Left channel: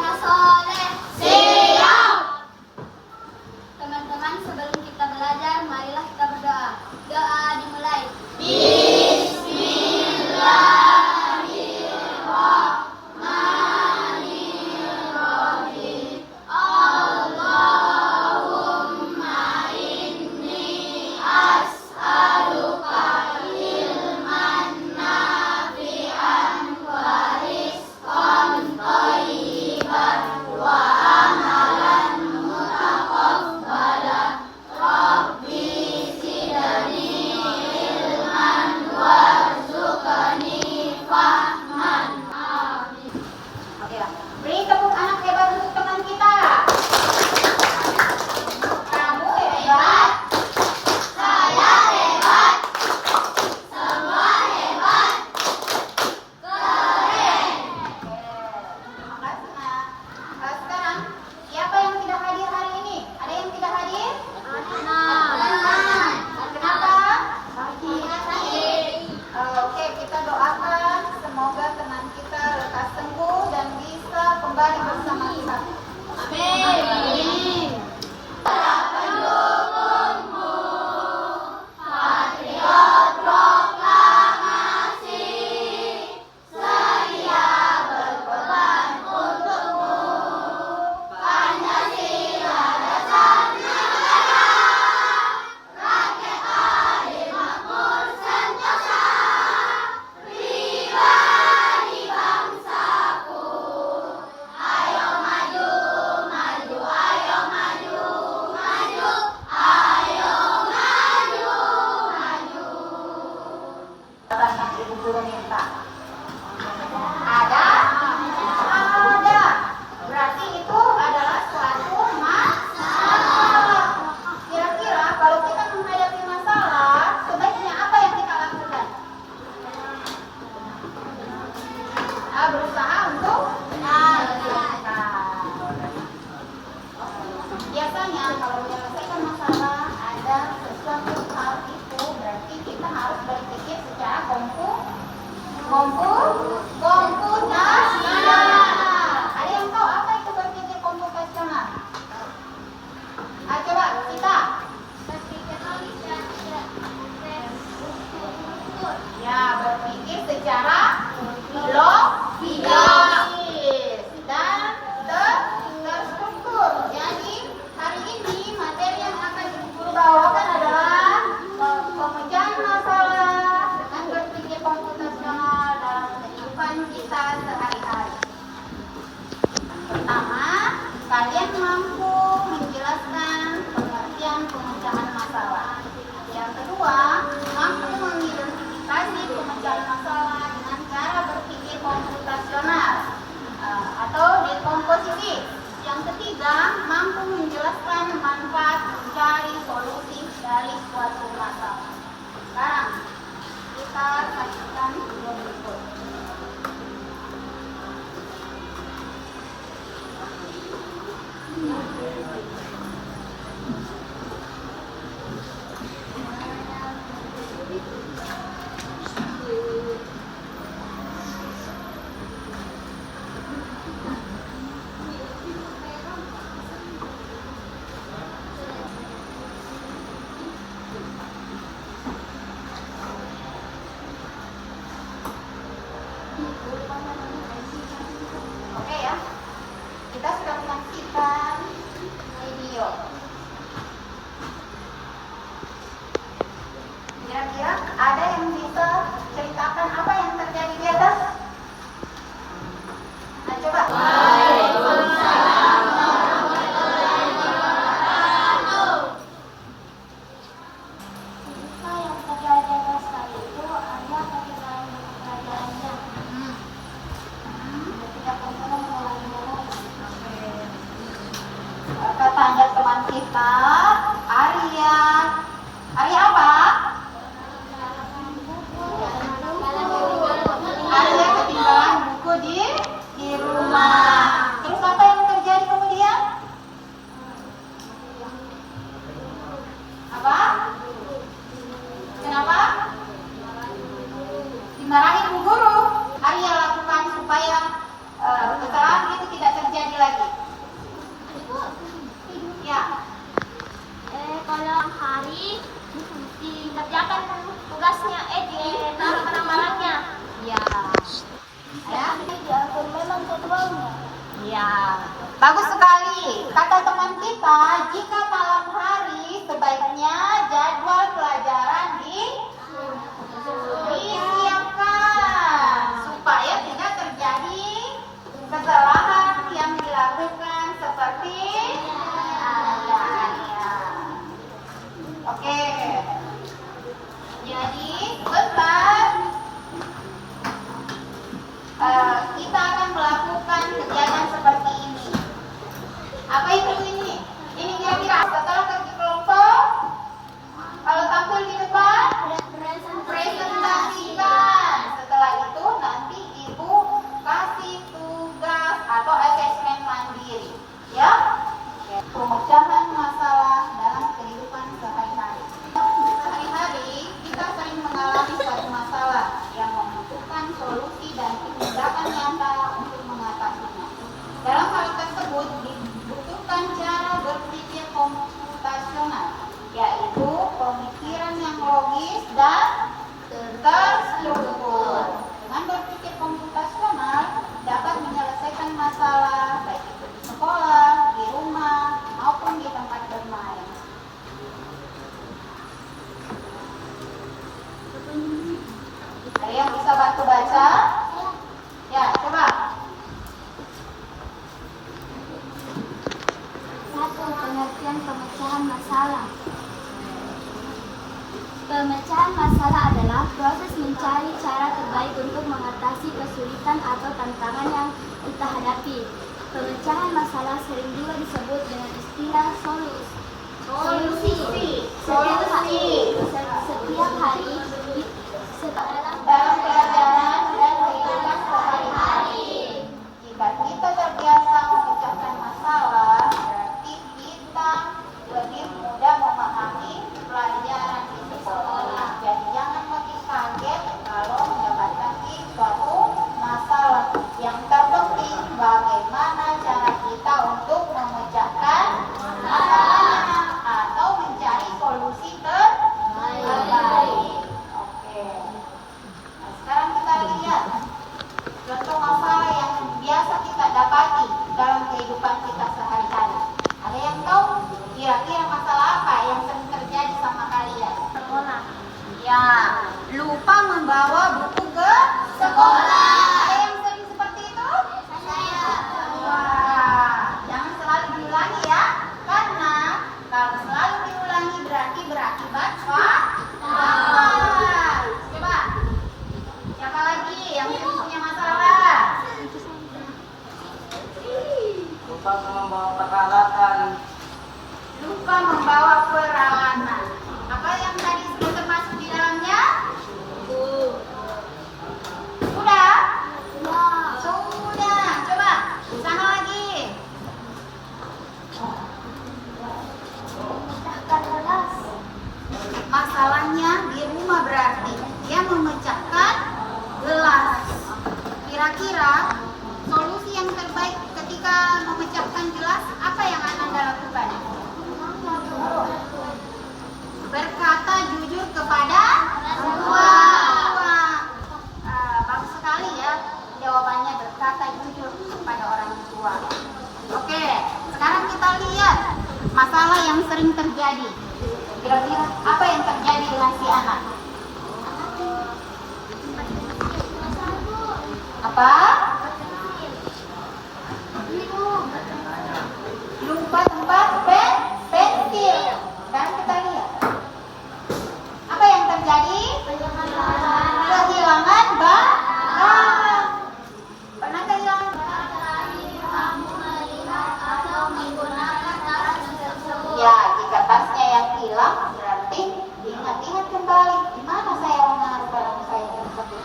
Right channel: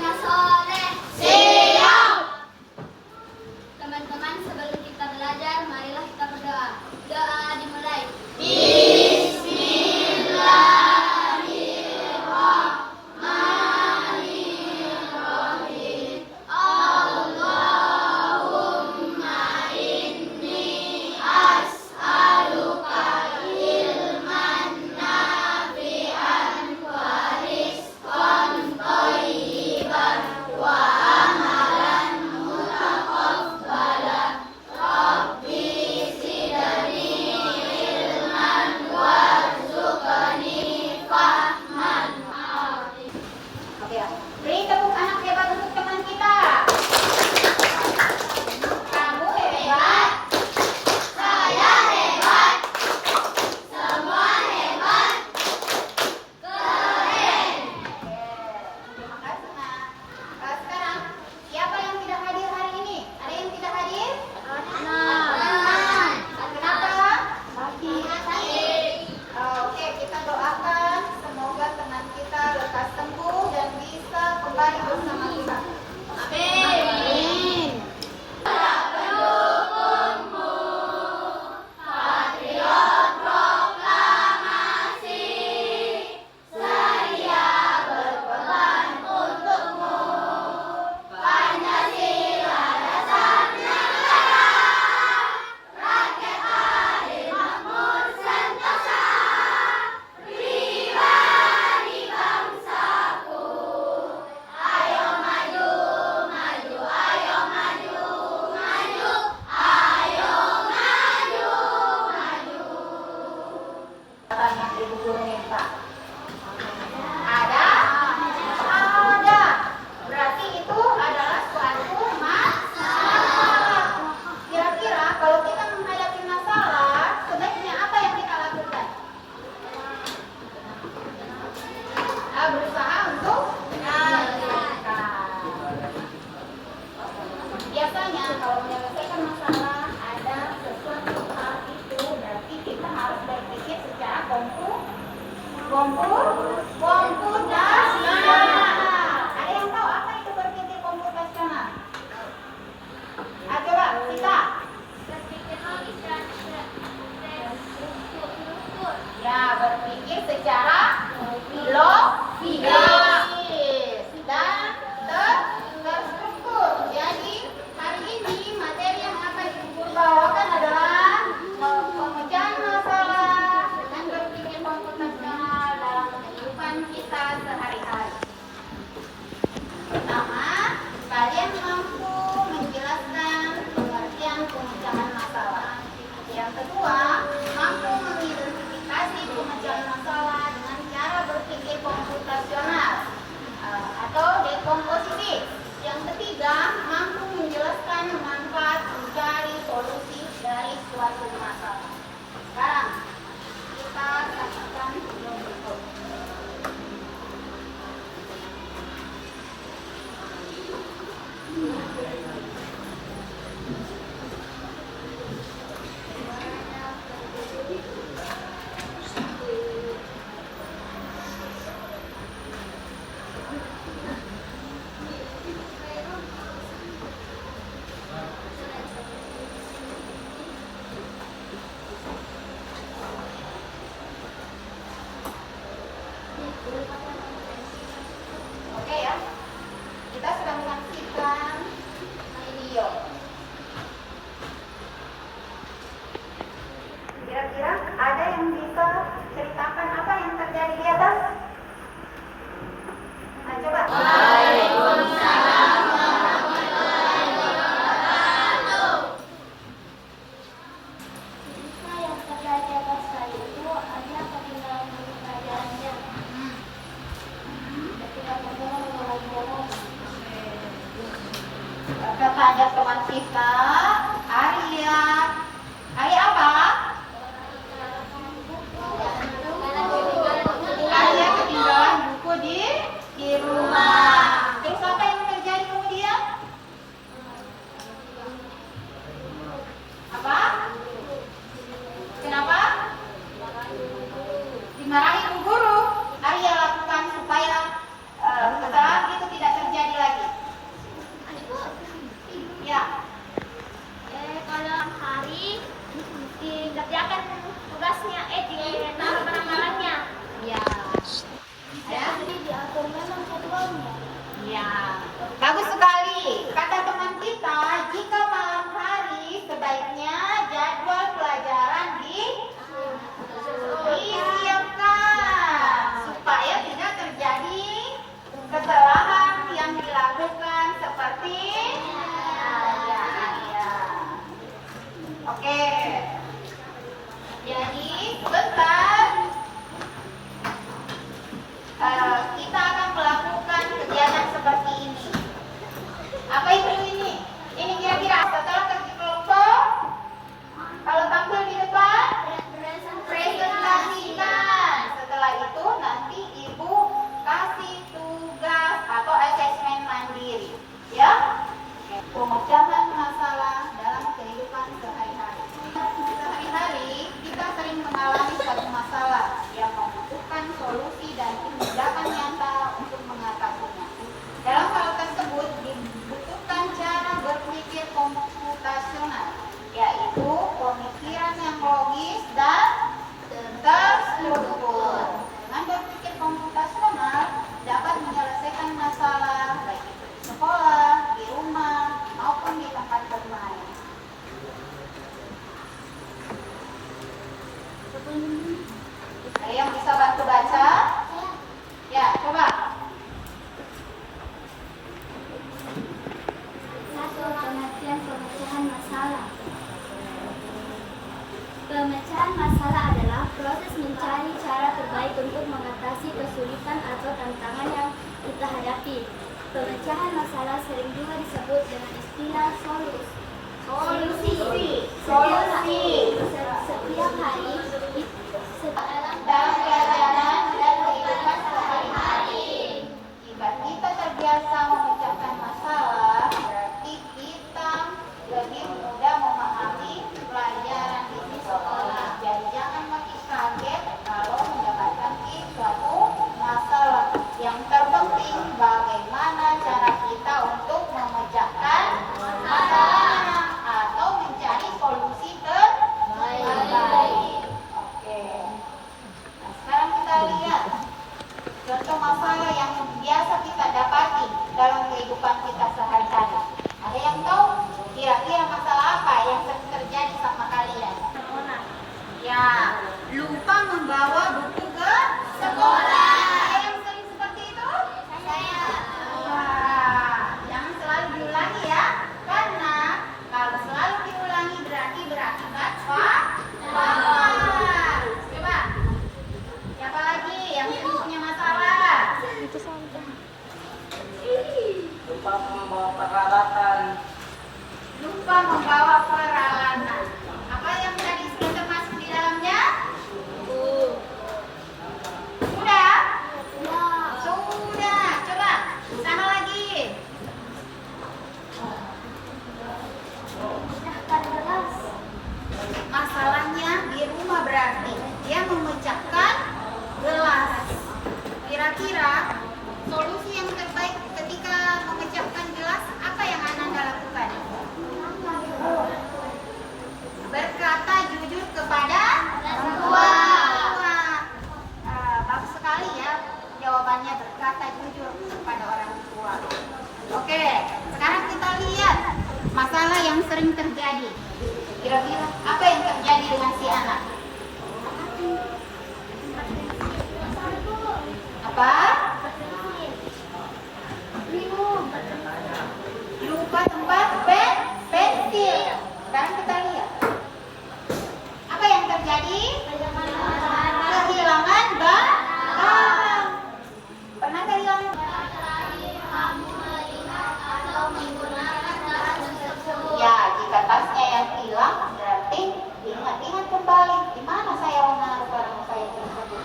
anak soleh. Siap. Teman-teman, sebelum kita belajar, marilah kita berdoa. Doa dimulai. Bismillahirrahmanirrahim. Allahumma inni as'aluka ilman nafi'an wa rizqan thayyiban wa amalan mutaqabbalan. Rabbi zidni ilman warzuqni fahman. Amin. Oke ya. Beri tepuk anak hebat untuk teman kita. Kamu hebat. Saya hebat. Semua hebat. Keren. Terima kasih, Nak. Sekarang, siapa yang tidak hadir hari ini? Ada yang tidak hadir? Kenapa? Oke, kita doakan semoga teman kita lekas sembuh dan bisa kembali bersama kita. Amin. Pendukungmu, patriot proklamasi, sedia berkorban untukmu. Pancasila dasar negara, rakyat adil makmur sentosa, pribadi bangsaku. Ayo maju, maju, ayo maju, maju, ayo maju, maju. Anak Ibu Guru minta. Ada? Ada. Berarti itu adalah suatu masalah. Kira-kira kalau kita menghadapi masalah, sebaiknya apa yang kita lakukan? Berusaha untuk menyelesaikan. Biasanya kalau menyelesaikan masalah ada sesuatu hal itu, berarti kita harus berpikir secara komputasional. Ada yang tahu apa itu berpikir komputasional? Coba kita. Ya, berpikir secara logis dan terstruktur. Jadi hari ini materi yang akan Ibu Guru bawakan adalah pemecahan masalah dengan berpikir komputasional dalam kehidupan kita sehari-hari. Pertama, kalian mampu menjelaskan pengertian pemecahan masalah. Yang kedua, mampu mengidentifikasi pemecahan masalah dengan cara berpikir komputasional atau dekomposisi. Yang ketiga, mampu menjelaskan manfaat mencari solusi dari suatu masalah. Sekarang, kita saksikan video berikut. Oke ya, kita sudah menyaksikan video. Kira-kira ada yang bisa ceritakan apa yang terjadi di atas? Nah, coba. Waalaikumsalam warahmatullahi wabarakatuh. Apa yang terjadi di atas tadi itu adalah ketinggalan buku pelajarannya. Tidak perlu mengulangi. Kata ada teman kita, Arya. Arya apa? Arya ketinggalan buku di rumah. Terus apa yang terjadi kemudian? Apa? Kenapa? Dimarahi Bu Guru. Arya lakukan supaya kesalahan itu tidak terjadi kita, jika malam hari sebaiknya jadwal pelajaran disiapkan supaya tidak terjadi kesalahan yang dilakukan seperti Oke. Jadi sebentar kita akan melakukan kegiatan seperti ini. Apa itu ini? Ini kira-kira setelah kerja kelompok, kalau tampil di depan, presentasikan. Setelah itu nanti ibu kasih tugas atau asesmen mandiri, ya. Pemecahan masalah dalam kehidupan sehari-hari. Sehari-hari kita sering mengalami satu masalah yang membutuhkan solusi dan tindakan nyata untuk mengatasinya. Dalam hal tersebut dibutuhkan cara berpikir komputasional, yaitu pemikiran yang logis dan terstruktur. Dengan berpikir komputasional dapat menyelesaikan masalah baik itu di sekolah, di rumah, maupun di tempat bermain. Ada yang bisa bantu baca? Ya, coba. 1. Pengertian pemecahan masalah. Pemecahan masalah adalah proses mencari cara terbaik untuk mengatasi kesulitan atau tantangan yang kita hadapi. Pemecahan masalah sering juga disebut dengan istilah solusi. Setiap hari Dalam perjalanan dan kehidupan sehari-hari, jika kita terbiasa memecahkan masalah, berarti kita lebih mudah memahami pelajaran di sekolah. Jadi jangan makin kaget kalau mendapatkan suatu masalah. Yang terpenting bagaimana cara kita untuk memecahkan masalahnya atau mencari solusi terbaik. Oke. Nah, sekarang kita lihat contoh masalah yang biasa kita dapati dalam kehidupan kita sehari-hari. Ada yang tahu kira-kira masalah apa yang sering terjadi sama kalian? sekolah. Ya, lupa membawa buku ke sekolah. Ada yang sering seperti itu? Saya. Wah, jangan selalu diulangi ya, karena kalau selalu diulangi berarti berakibat fatal. Coba, siapa lagi yang sering punya masalah? Lupa membawa peralatan. Lupa membawa peralatan. Apa yang tadi sudah termasuk di dalamnya? Sudah? Sudah. Coba, sana lagi. Memecahkan gelas. Masalahnya di rumah berarti dia memecahkan gelas. Kira-kira solusi yang terbaik ketika memecahkan gelas apa yang Ananda lakukan? Berkata jujur kepada semua. Bagus sekali ya jawabannya, berkata jujur kepada orang tua. Oke, sekarang kita lihat masalah yang sering terjadi. Kira-kira apa yang terjadi dengan si anak? Apa? Lupa tempat pensil. Sekarang kita lihat. Apa yang terjadi? Kehilangan barang. Pernah kehilangan Ya, jika tasnya yang hilang, berarti diingat-ingat kembali di mana saya menaruh barang saya tersebut.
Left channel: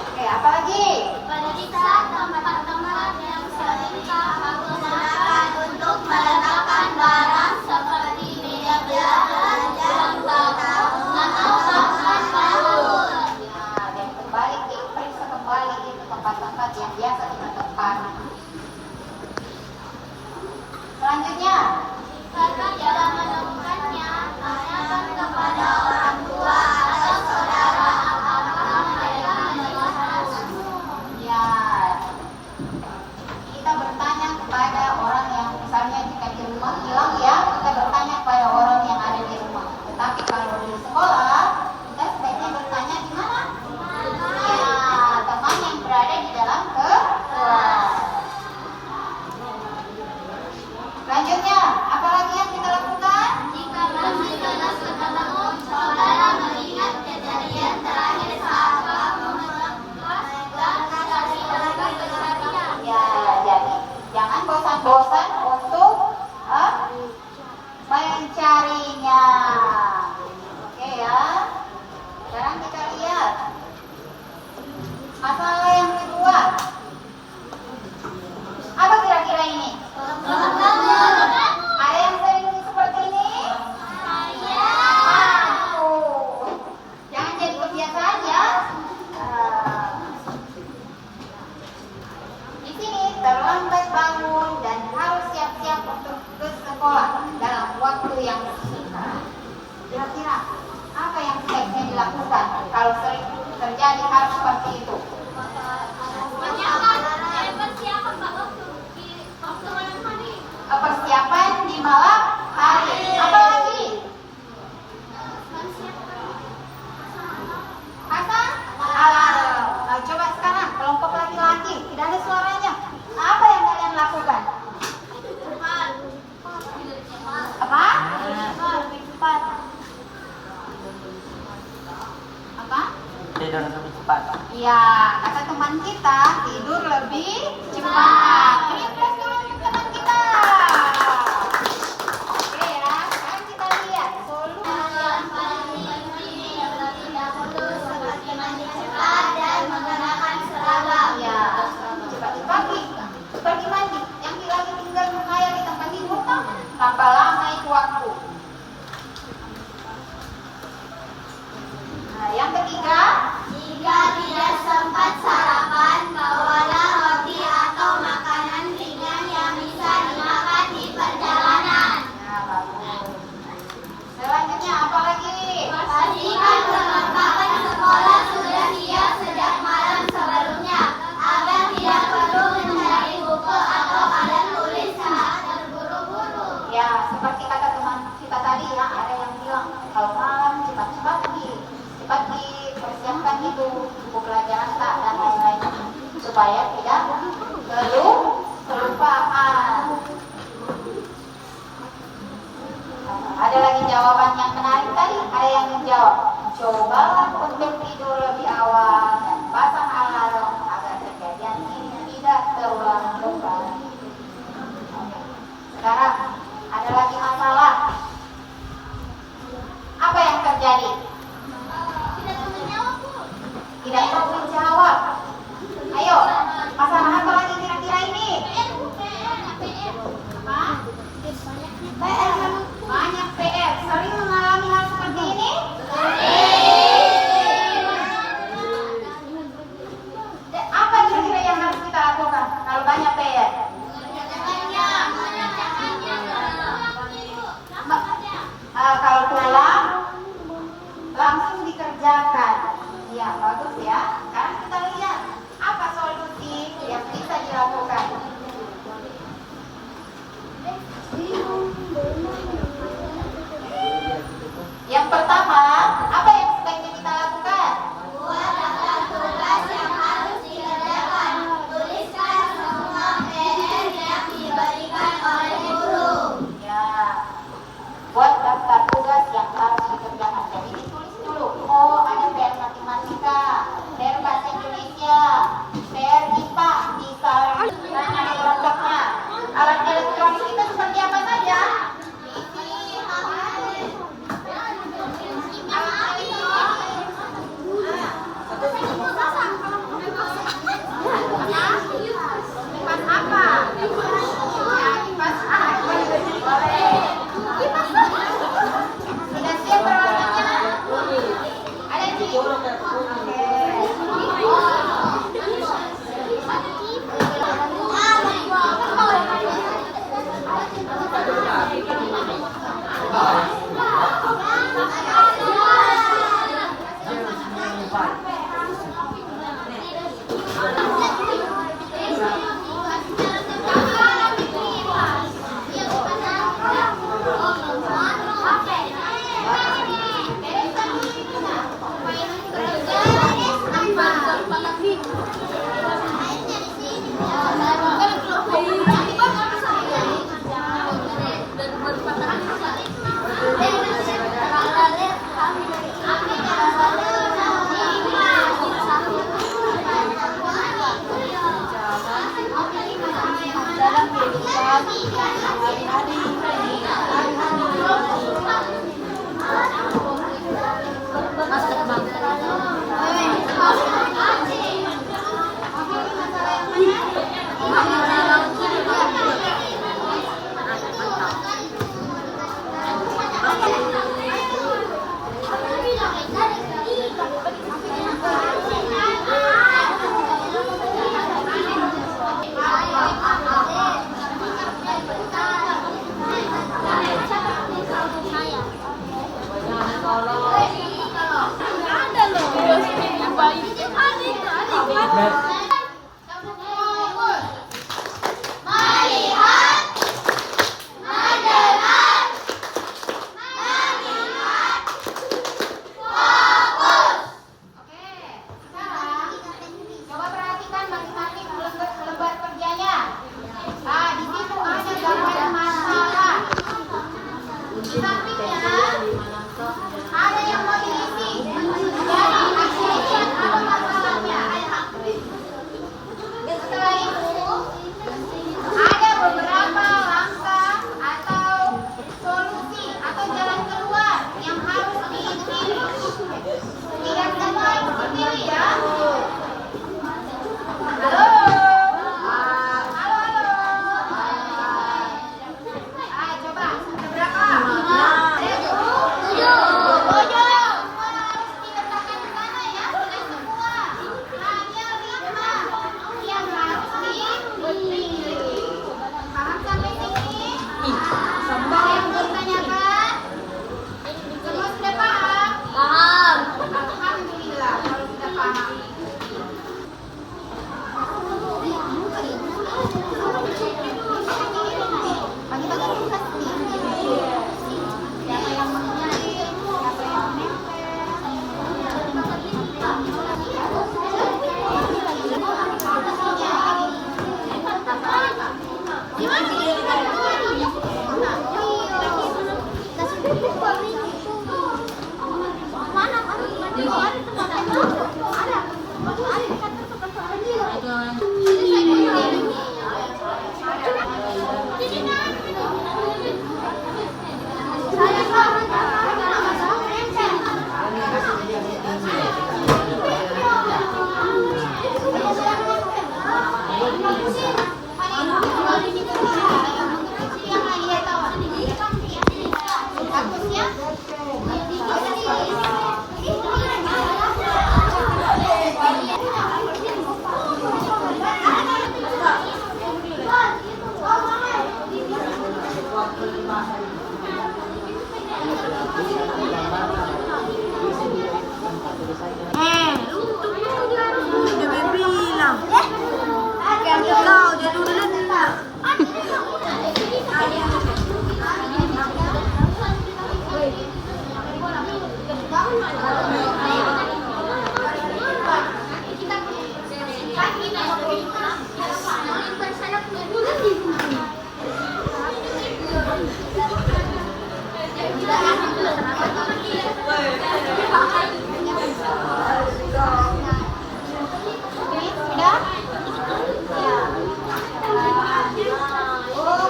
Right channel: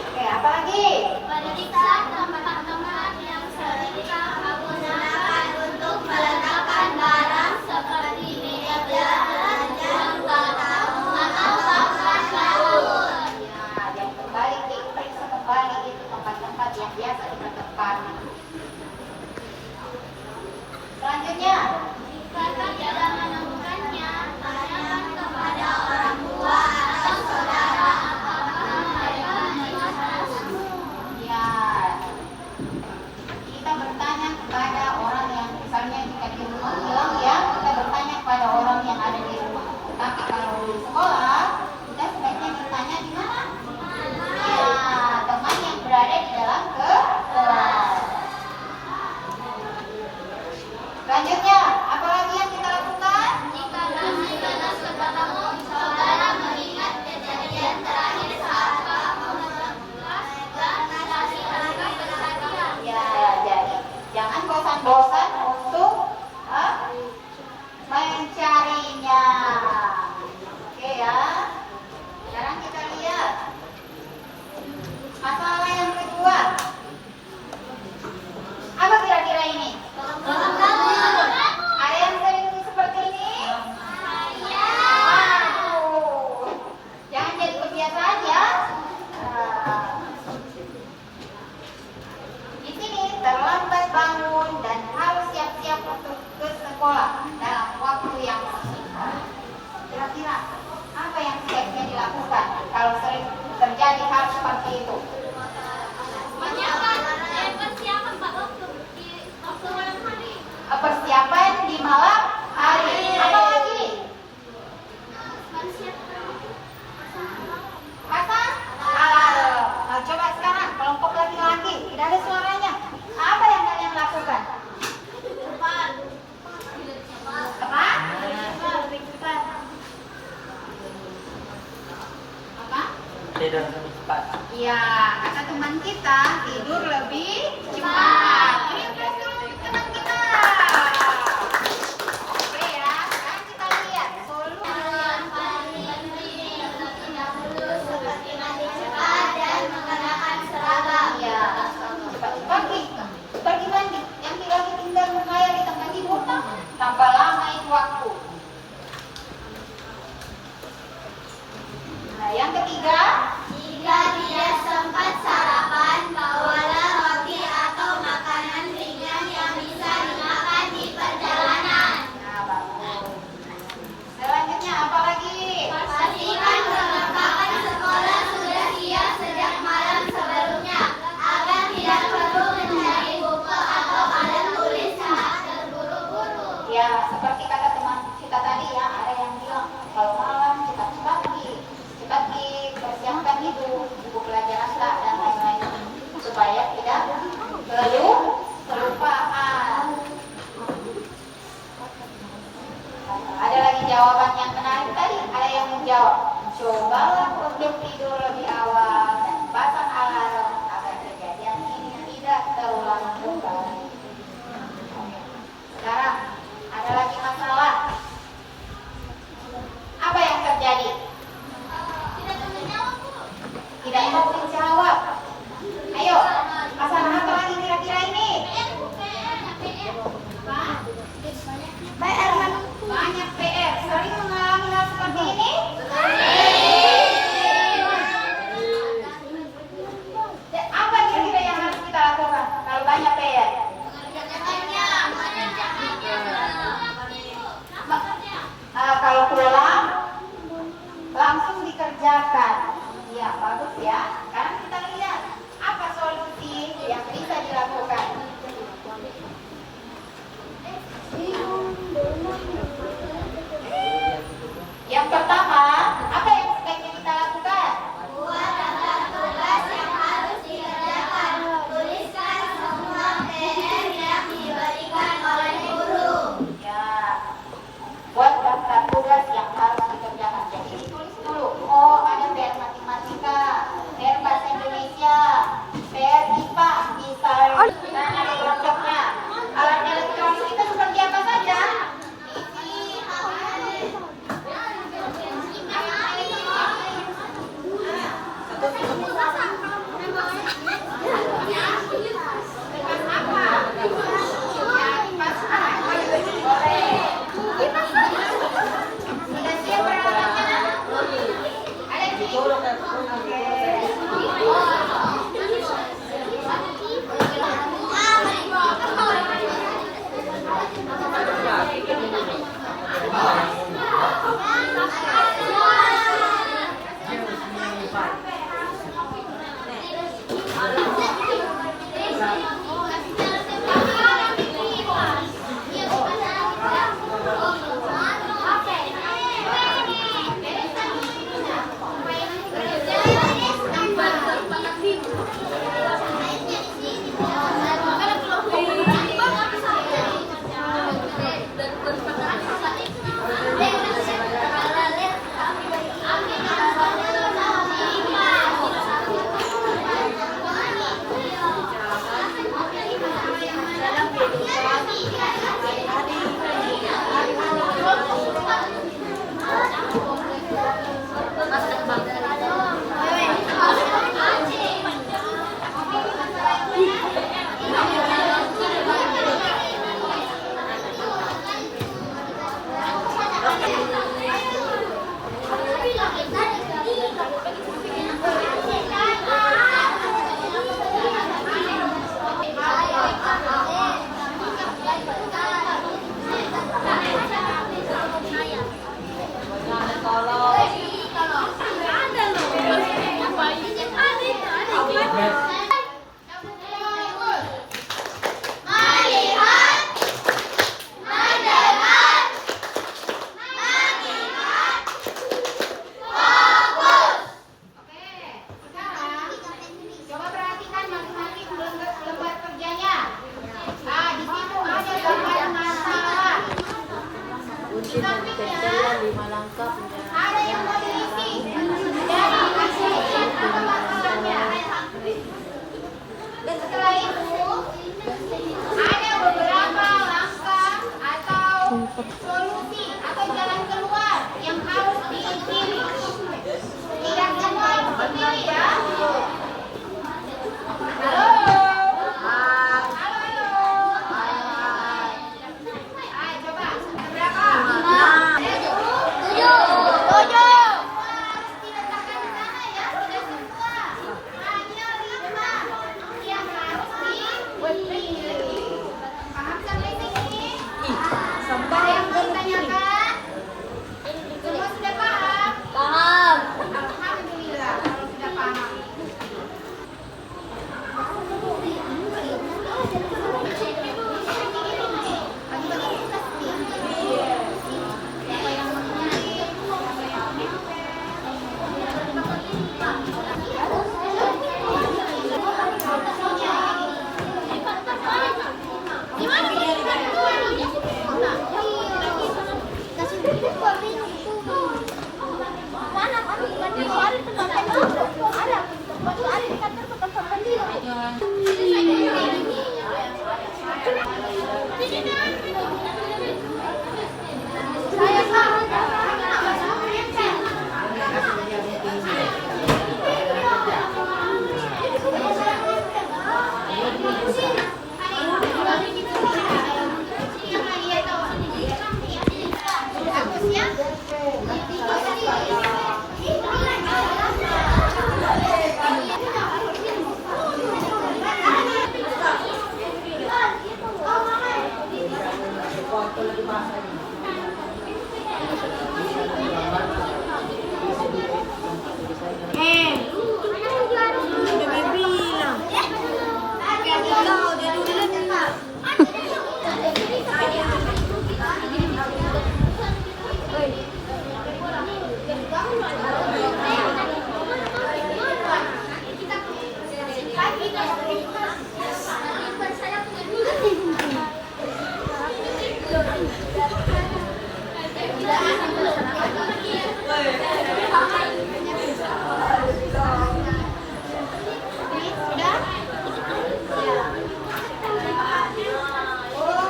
Oke, apa lagi? Periksa tempat-tempat yang sering kamu gunakan untuk meletakkan barang seperti meja belajar, jam tangan, atau papan pelembut. Nah, dan kembali diperiksa kembali itu tempat-tempat yang biasa kita tempati. Selanjutnya, Jika tidak menemukannya, tanyakan kepada orang tua atau saudara apakah mereka melihatnya. ya kita bertanya kepada cepat. Iya, kata teman kita tidur lebih cepat. Beri aplaus dulu untuk teman kita. Oke ya, sekarang kita lihat solusi. Iya, bagi mandi yang lagi tinggal mengayal di tempat tidur tambah lama itu waktu. Nah, yang ketiga, Jika tidak sempat sarapan, bawalah roti atau makanan ringan yang bisa dimakan di perjalanan. selanjutnya apa lagi? Pastikan perlengkapan sekolah sudah siap sejak malam sebelumnya, agar tidak perlu mencari buku atau alat tulis saat terburu-buru. Ya, seperti kata teman kita tadi ya, ada yang bilang kalau malam cepat-cepat dipersiapkan itu buku pelajaran Kak dan lain-lain supaya tidak kelupaan. Ada lagi jawaban yang menarik tadi, ada yang menjawab, cobalah untuk tidur lebih awal dan pasang alarm agar kejadian ini tidak terulang kembali. Sekarang ada lagi masalah. Apa yang terjadi? Tidak mau menjawab. Ayo, masalah apa lagi kira-kira ini? Hah? Banyak PR. Sering mengalami hal seperti ini? Apa kira-kira yang harus kita lakukan kalau banyak PR? Kalau pulang langsung dikerjakan. Ya, bagus ya. Sekarang kita lihat apa solusi yang bisa dilakukan. Yang pertama, apa yang sebaiknya kita lakukan? Buat daftar tugas yang harus dikerjakan. Tuliskan semua PR yang diberikan oleh guru. Ya, buat daftar tugas yang harus dikerjakan. Jadi ditulis dulu. Oh, ada PR matematika, PR bahasa Indonesia, PR IPA, misal dan ada kelompoknya. Alat elektronik itu seperti apa saja? Kipas apa? Ya, kipas apa? Boleh. Sudah siap peralatannya? Ada di? Oke.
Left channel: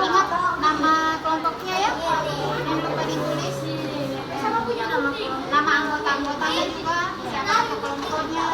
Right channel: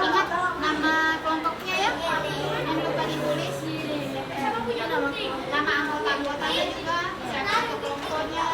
Ingat nama kelompoknya ya. Yang lupa ditulis. Siapa punya nama anggota-anggotanya juga. Siapa kelompoknya.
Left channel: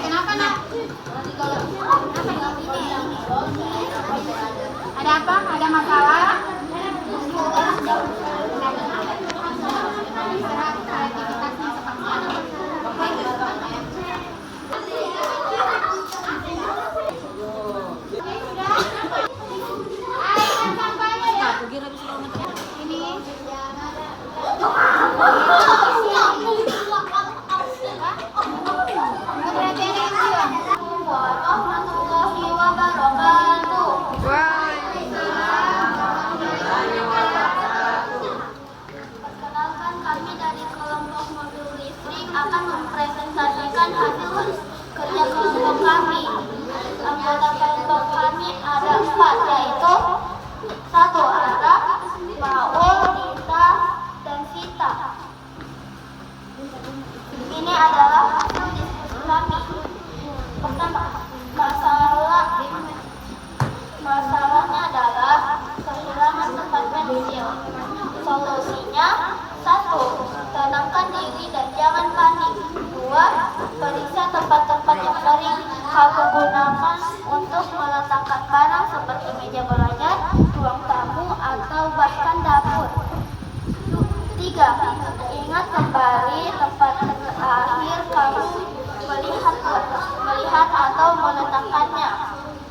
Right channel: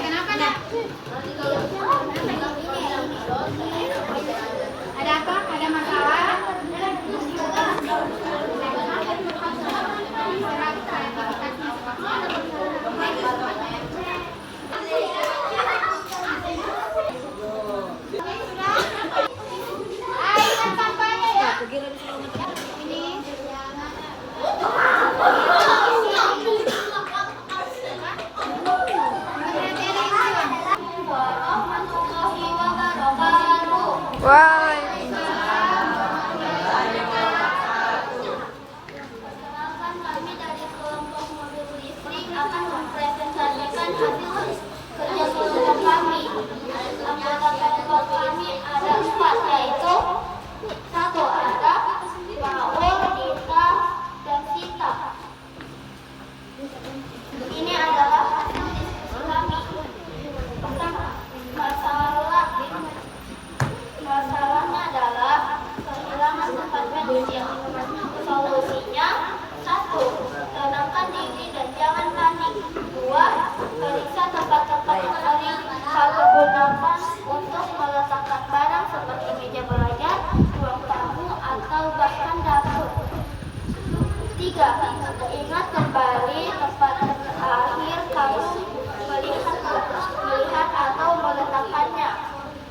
Kenapa nak? Ada apa? Ada masalah? Warahmatullahi wabarakatuh. Perkenalkan, kami dari kelompok mobil listrik akan mempresentasikan hasil kerja kelompok kami. Anggota kelompok kami ada 4, yaitu 1. Ara, Paul, Dita, dan Vita. Ini adalah hasil diskusi kami. Pertama, masalahnya adalah kehilangan tempat pensil. Solusinya: 1. Tenangkan diri dan jangan panik. 2. Periksa tempat-tempat yang sering kamu gunakan untuk meletakkan barang seperti meja belajar, ruang tamu, atau bahkan dapur. 3. Ingat kembali tempat terakhir kamu melihat atau meletakkannya.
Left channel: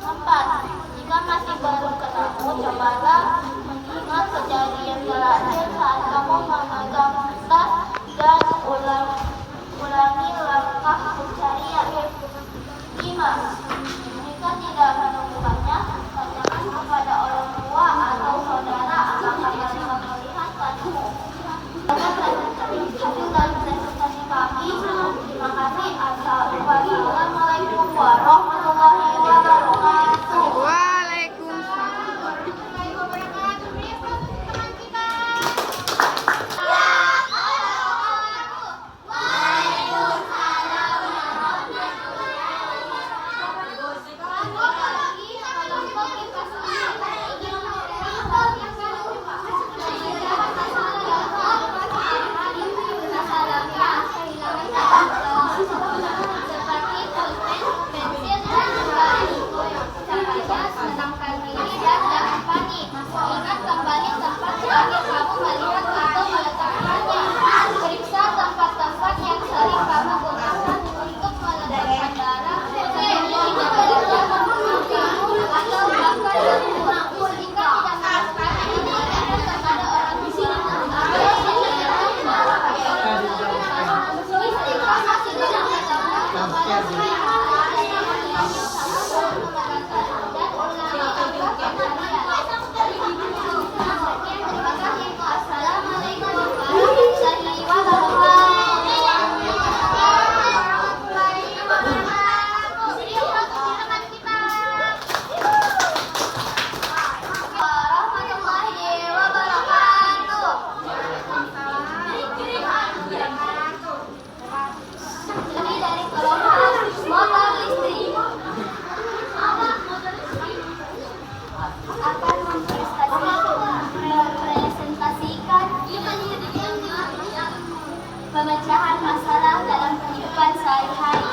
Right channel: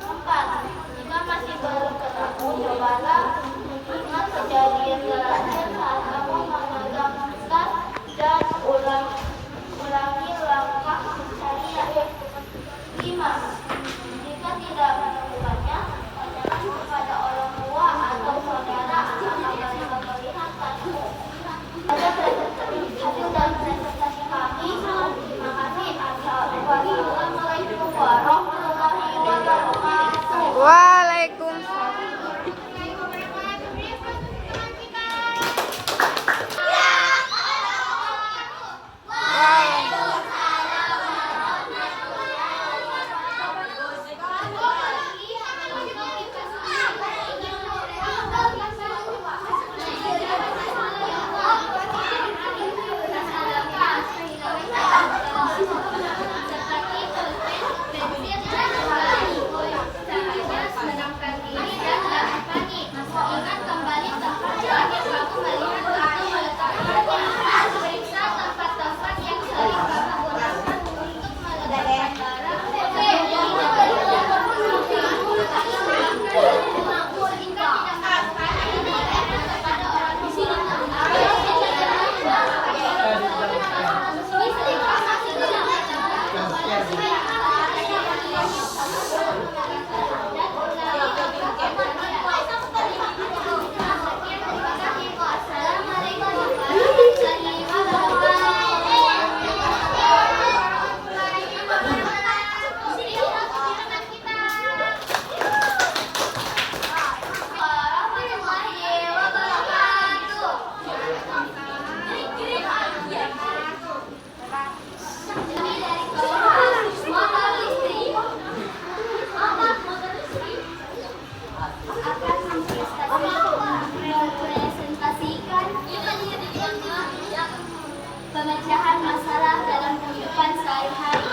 4. Jika masih baru ketemu, cobalah mengingat kejadian terakhir saat kamu memegang tas dan ulangi langkah pencarian. 5. Jika tidak menemukannya, tanyakan kepada orang tua atau saudara apakah mereka melihat padamu. Ada presentasi hasil melihat atau meletakkannya. Periksa tempat-tempat yang sering kamu gunakan untuk meletakkan barang yang tidak berada kamu atau bahkan jika tidak melakukan ini kepada orang tua atau Assalamualaikum warahmatullahi wabarakatuh. Ini dari kelompok motor listrik akan mempresentasikan pemecahan masalah dalam kehidupan sehari-hari.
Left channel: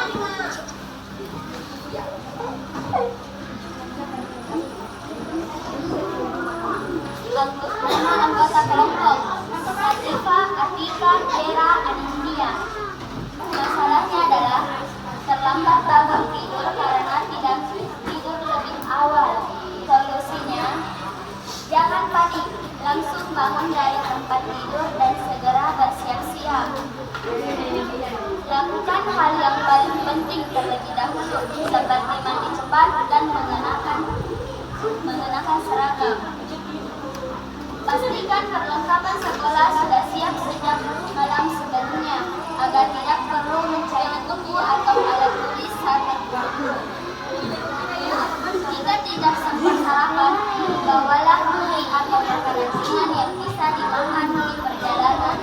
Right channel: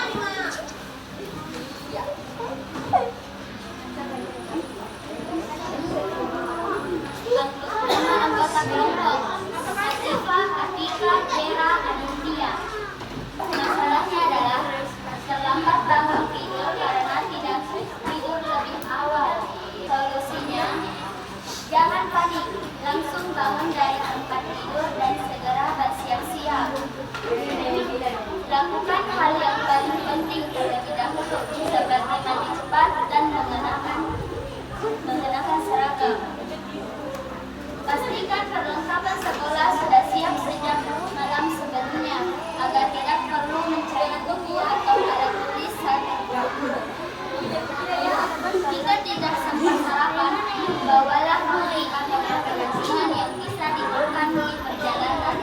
Nama anggota kelompok Asifa, Atika, Vera, Anindya. Masalahnya adalah terlambat bangun tidur karena tidak tidur lebih awal. Solusinya, jangan panik, langsung bangun dari tempat tidur dan segera bersiap-siap. Lakukan hal yang paling penting terlebih dahulu, seperti mandi cepat dan mengenakan seragam. Pastikan perlengkapan sekolah sudah siap sejak malam sebelumnya, agar tidak perlu mencari buku atau alat tulis saat terburu-buru. Jika tidak sempat sarapan, bawalah kue atau makanan ringan yang bisa dimakan di perjalanan.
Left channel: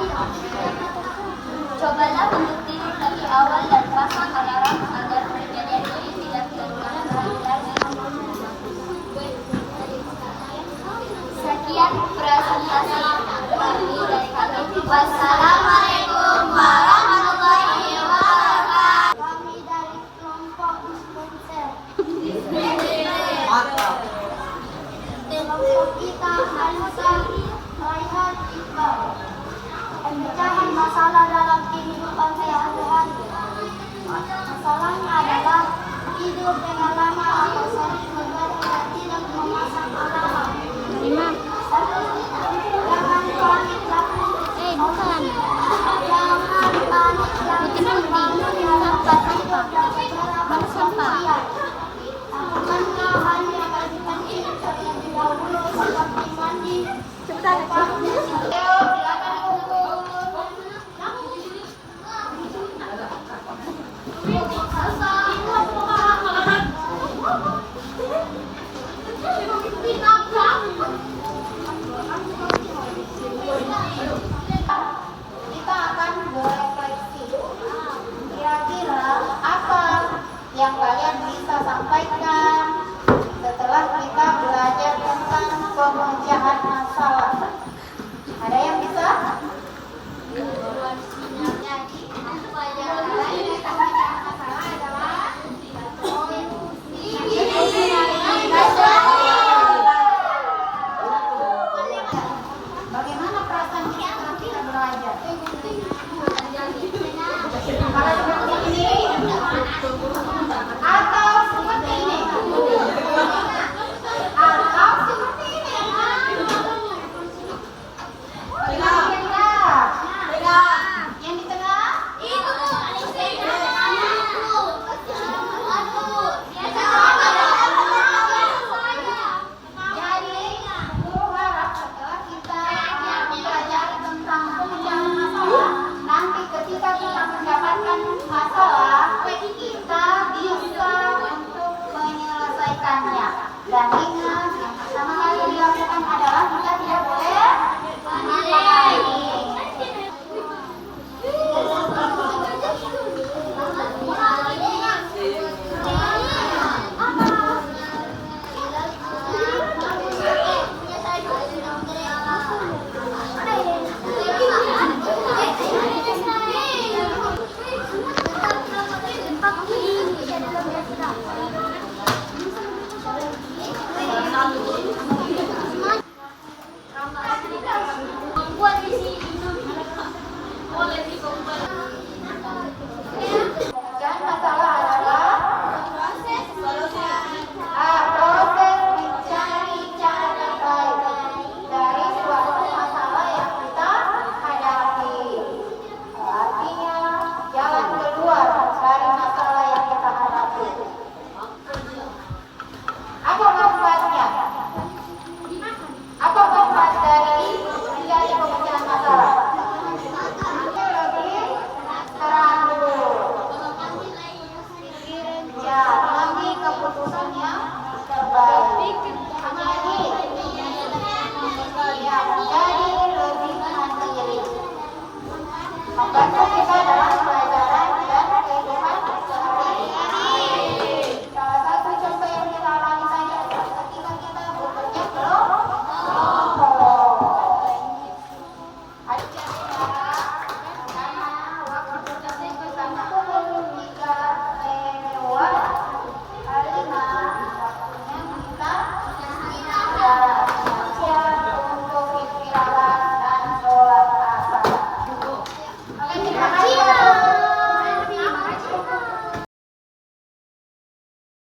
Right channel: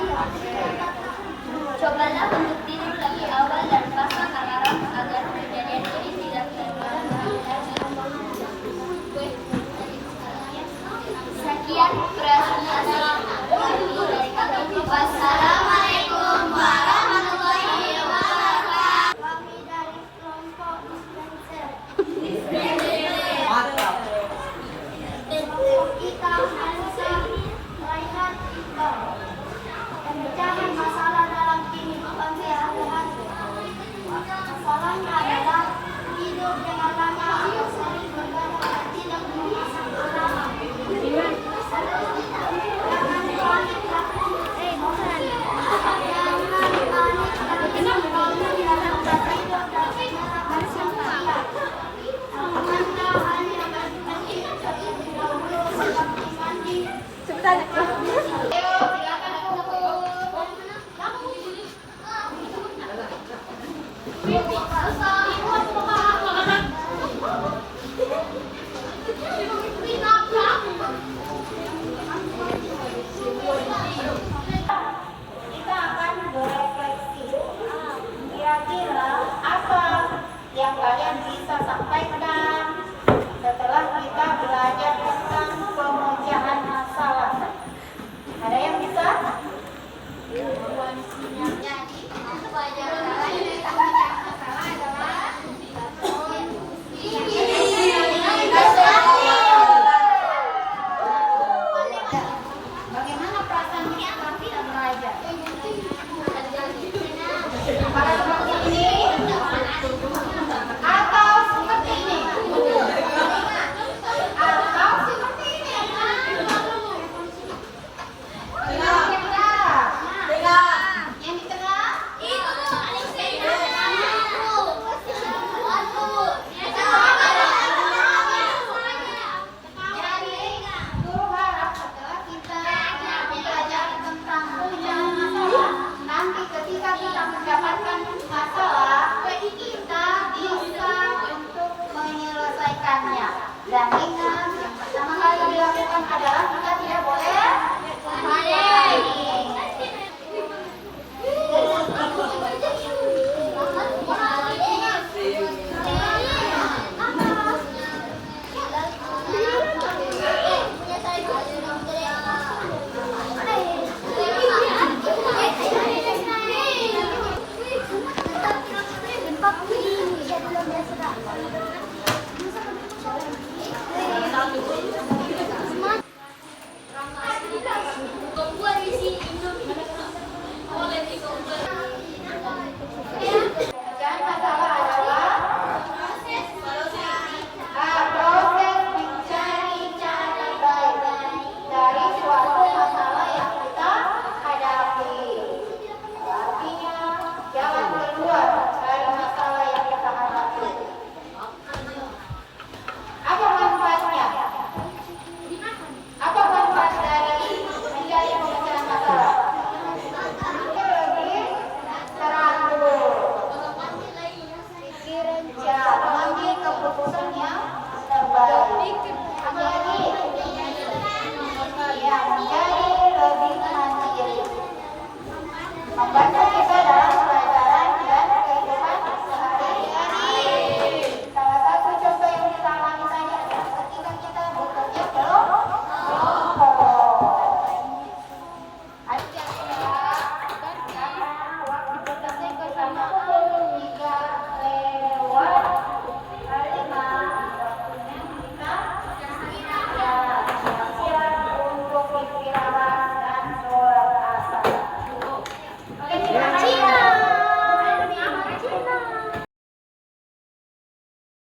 Cobalah untuk tidur lebih awal dan pasang alarm agar kejadian ini tidak terulang lagi. Sekian presentasi kami dari kami. Wassalamualaikum warahmatullahi wabarakatuh. Kami dari kelompok dispenser. Kelompok kita Hansa, Raihan, Iqbal. Pemecahan masalah dalam kehidupan sehari-hari. Masalahnya adalah tidur dengan lama atau sering begadang tidak memasang alarm. Jangan panik, jangan panik, bangun dari tempat tidur dan segera bersiap. Lakukanlah hal yang paling penting terlebih dahulu seperti mandi. Kita akan berefleksi. Kira-kira apa yang kalian bisa sampaikan setelah kita belajar tentang pemecahan masalah? Ada yang bisa? Bagaimana perasaan kita ketika belajar? Apakah seperti ini? Atau seperti ini? Atau seperti ini? Yang di tengah? Yang di tengah? Jadi, guru harap setelah kita belajar tentang pemecahan masalah, dan